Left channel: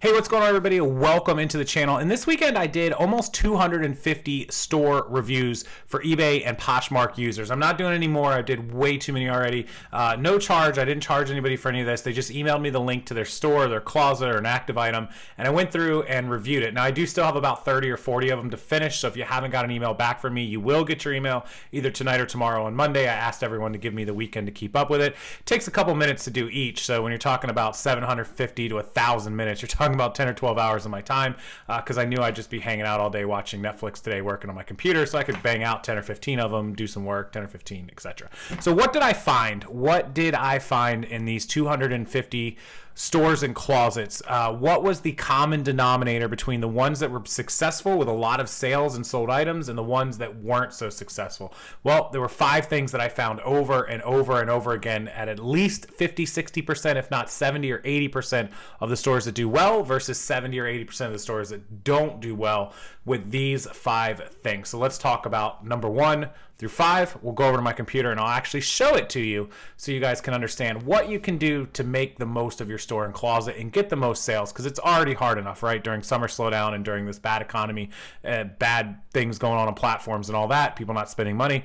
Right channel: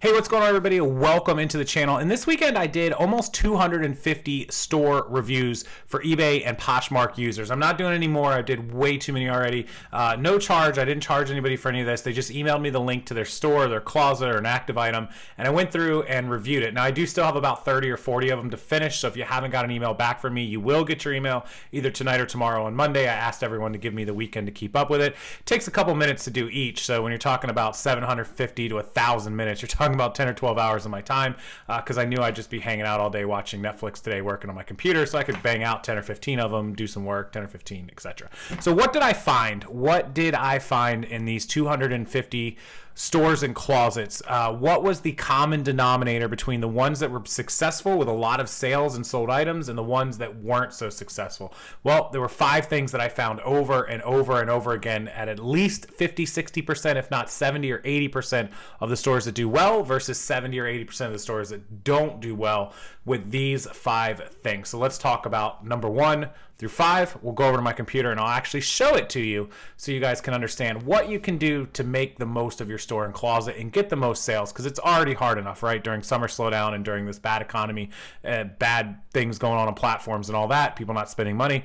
Hey, what's going on, everybody? Welcome into the channel. And this weekend I did almost 250 store reviews for eBay and Poshmark users. I'm not doing any more. I did way too many already. No charge. I didn't charge anybody for any of this. They just emailed me the link to their store, their closet, or an active item, and I went through and reviewed it. Now, I do still have about 30 or 40 of them to finish, so if you haven't got an email back from me, you will get your email either tonight or tomorrow on Monday. I asked everyone to give me the weekend to keep up with it. It takes a couple minutes to do each, so when you're talking about 750 to 1,000 minutes, you're talking about 10 or 12 hours of my time, because I knew I'd just be hanging out all day watching Netflix today, working on my computer, so I could bang out 10 or 15 of them, do some work, 10 or 15, etc. So what did I find? What did I find in these 250 stores and closets? What was the common denominator between the ones that were successful with a lot of sales and sold items and the ones that weren't so successful? Well, there were 5 things that I found over and over and over again at least 50, 60%, if not 70 or 80% of the stores that do well versus 70 or 80% of the stores that don't do well with these 5 things. So let's talk about number 1 through 5. We'll go over to my computer and I'll actually show it to you so you guys can understand what you can do to make the most of your store and closet and get the most sales, because it's already hard enough, right? During summer slowdown and during this bad economy, bad things going on platforms and all that, people not spending money.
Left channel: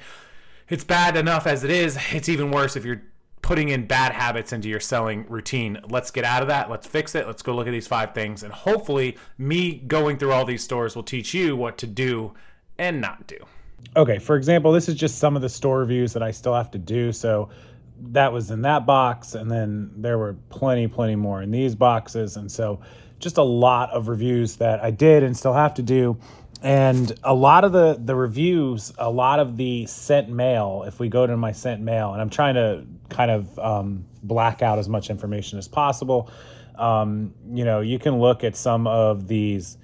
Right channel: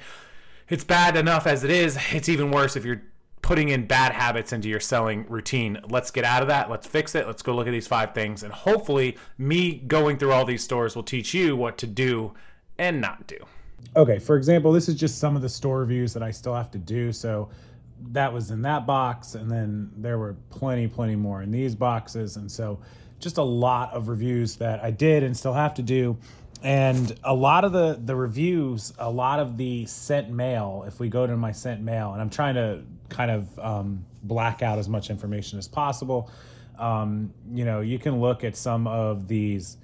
It's bad enough as it is. It's even worse if you're putting in bad habits into your selling routine. Let's get out of that. Let's fix it. Let's go look at these 5 things. And hopefully me going through all these stores will teach you what to do and not do. Okay, for example, this is just some of the store reviews that I still have to do. So that was in that box, and then there were plenty more in these boxes. And so just a lot of reviews that I did and still have to do. And a lot of the reviews, a lot of the sent mail, if we go to my sent mail, and I'm trying to kind of black out as much information as possible. You can look at some of these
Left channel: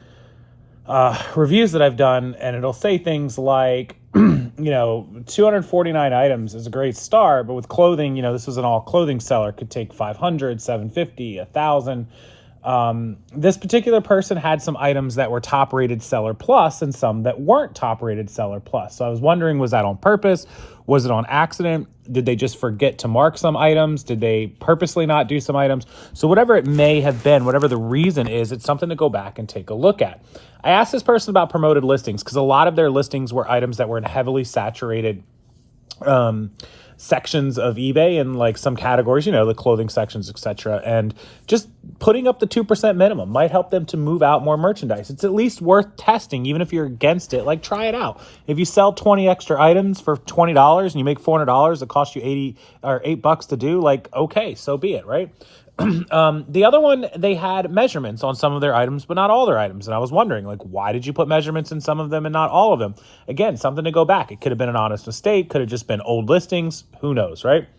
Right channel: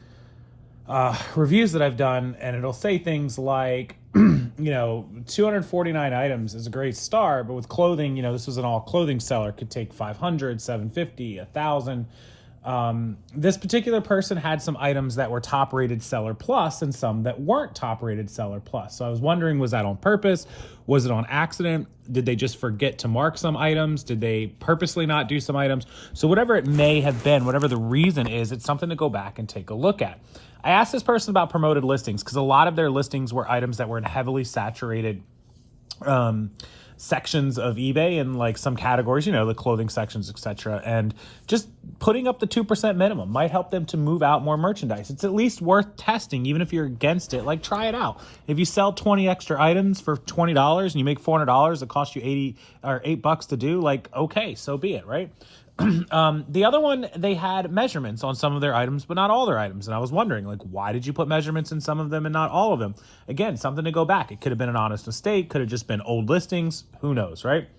reviews that I've done, and it'll say things like, 249 items is a great start, but with clothing, this was an all clothing seller, could take 500, 750, 1,000. This particular person had some items that were top rated seller plus and some that weren't top rated seller plus. So I was wondering, was that on purpose? Was it on accident? Did they just forget to mark some items? Did they purposely not do some items? So whatever it may have been, whatever the reason is, it's something to go back and take a look at. I asked this person about promoted listings because a lot of their listings were items that were in heavily saturated sections of eBay and like some categories, the clothing sections, etc. And just putting up the 2% minimum might help them to move out more merchandise. It's at least worth testing, even if you're against it. Like, try it out. If you sell 20 extra items for $20 and you make $400, it costs you 80 or $8 to do, like, okay, so be it, right? The other one, they had measurements on some of their items, but not all their items. And I was wondering, like, why did you put measurements in some of them and not all of them? Again, something to go back. It could have been an honest mistake. Could have just been old listings. Who knows, right?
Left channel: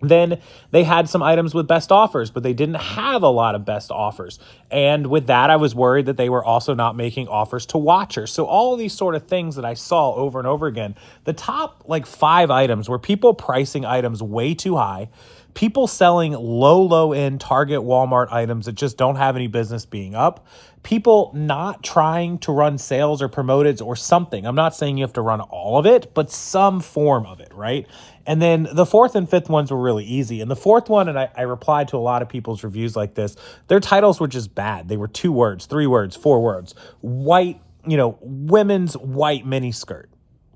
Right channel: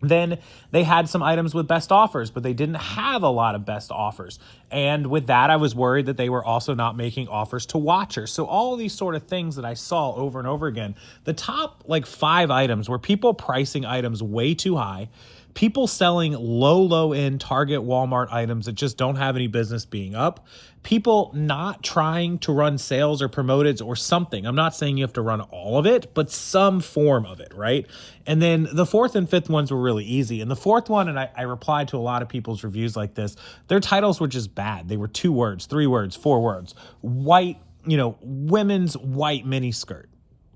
Then they had some items with best offers, but they didn't have a lot of best offers. And with that, I was worried that they were also not making offers to watchers. So all of these sort of things that I saw over and over again, the top 5 items were people pricing items way too high, people selling low end Target, Walmart items that just don't have any business being up, people not trying to run sales or promoted or something. I'm not saying you have to run all of it, but some form of it, right? And then the 4th and 5th ones were really easy. And the 4th one, and I replied to a lot of people's reviews like this, their titles were just bad. They were 2 words, 3 words, 4 words. White, women's white mini skirt.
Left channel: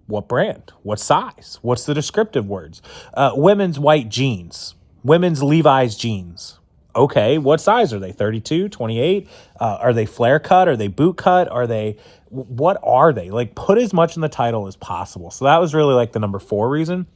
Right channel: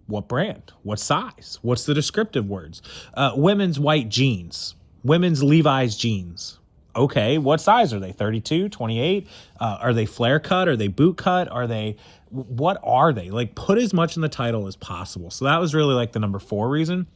What brand? What size? What's the descriptive words? Women's white jeans. Women's Levi's jeans. Okay, what size are they? 32, 28? Are they flare cut? Are they boot cut? What are they? Like, put as much in the title as possible. So that was really the number 4 reason.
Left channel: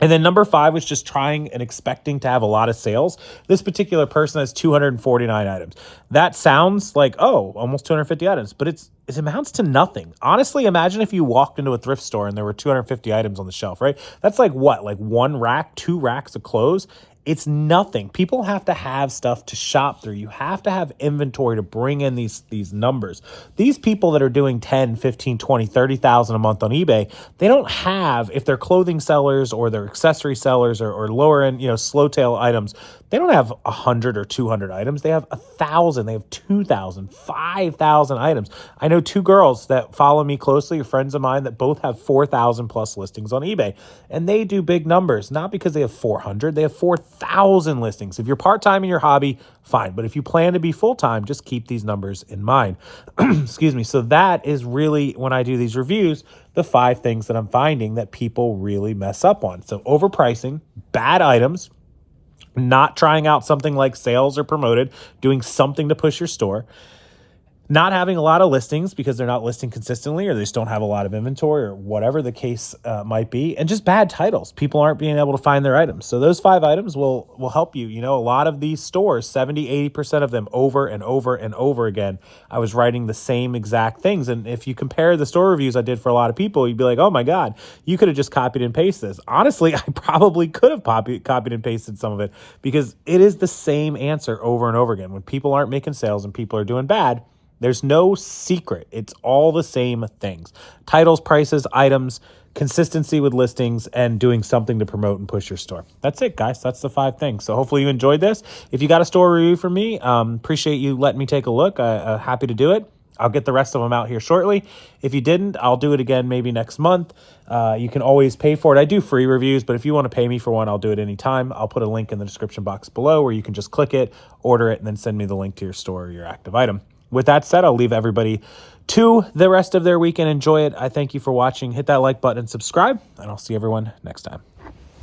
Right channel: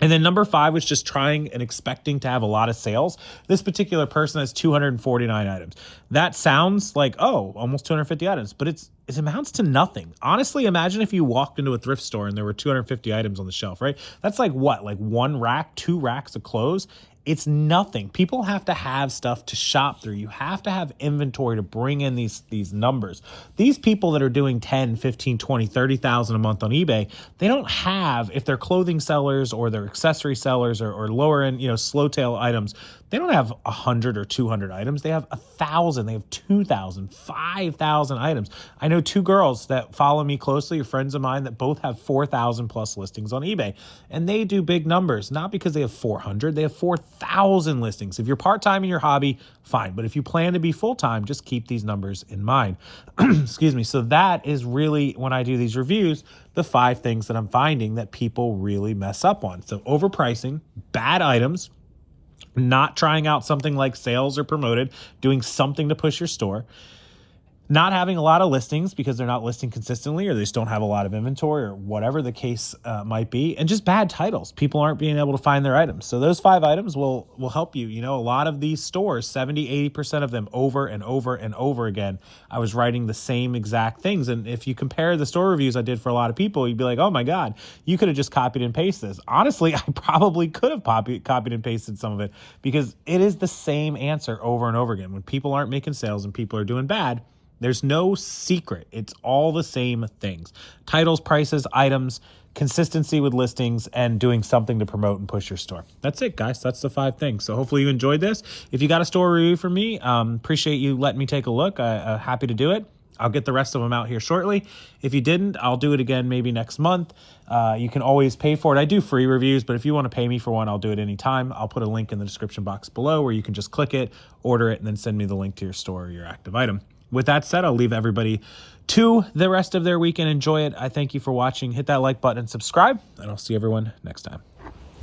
And then number 5 was just trying and expecting to have a lot of sales. This particular person has 249 items. That sounds like, oh, almost 250 items, but it amounts to nothing. Honestly, imagine if you walked into a thrift store and there were 250 items on the shelf, right? That's like what? Like 1 rack, 2 racks of clothes? It's nothing. People have to have stuff to shop through. You have to have inventory to bring in these numbers. These people that are doing 10, 15, 20, 30,000 a month on eBay, they don't have, if they're clothing sellers or they're accessory sellers or lower end, slow tail items, They don't have 100 or 200 items. They have 1,000. They have 2,000, 5,000 items. I know two girls that follow me closely, friends of mine, that both have 4,000 plus listings on eBay. And they do big numbers, not because they have 400. They have 4,000 listings. If you're part-time in your hobby, fine. But if you plan to be full-time, just keep these numbers in mind. Excuse me. So that is really, when I do these reviews, the 5 things that I'm finding that people really mess up on. So overpricing, bad items, not trying out something like sales or promoted, doing something to push your store, not having a lot of listings because they're not listing consistently, or they just don't have a lot of inventory, or whatever the case might be, and just bad titles. People aren't being able to find their items. So those 5 items will help you. You know, a lot of these stores, 70-80% of them, over and over and over again, I was writing the same exact things. And if you compare the store reviews I did for a lot of people, you'd be like, oh my God, you could have just copied and pasted this. Honestly, I probably could have copied and pasted some of it, because it is the same answer over and over again. When people aren't making sales and people are doing bad, there's no secret. It's all the same things: titles, prices, items, consistency with listings, and doing something to promote and push your store. That's it, guys. That's the 5 things. So hopefully you enjoyed this. If you got a store review from me, appreciate you letting me take a look. Happy to do it. I'll get the rest of them out here shortly. If you didn't, I'll do it again maybe next month. You can always pay for it. I do free reviews, but if you want to pay me for one, I'll do it anytime. I'll put a link in the description box below where you can just click it, order it, and then send me the link to your store or your active item. With that said, I'll leave everybody to the rest of their weekend. Enjoy it. I thank you for watching. Hit that like button and subscribe, and I'll see everyone next time.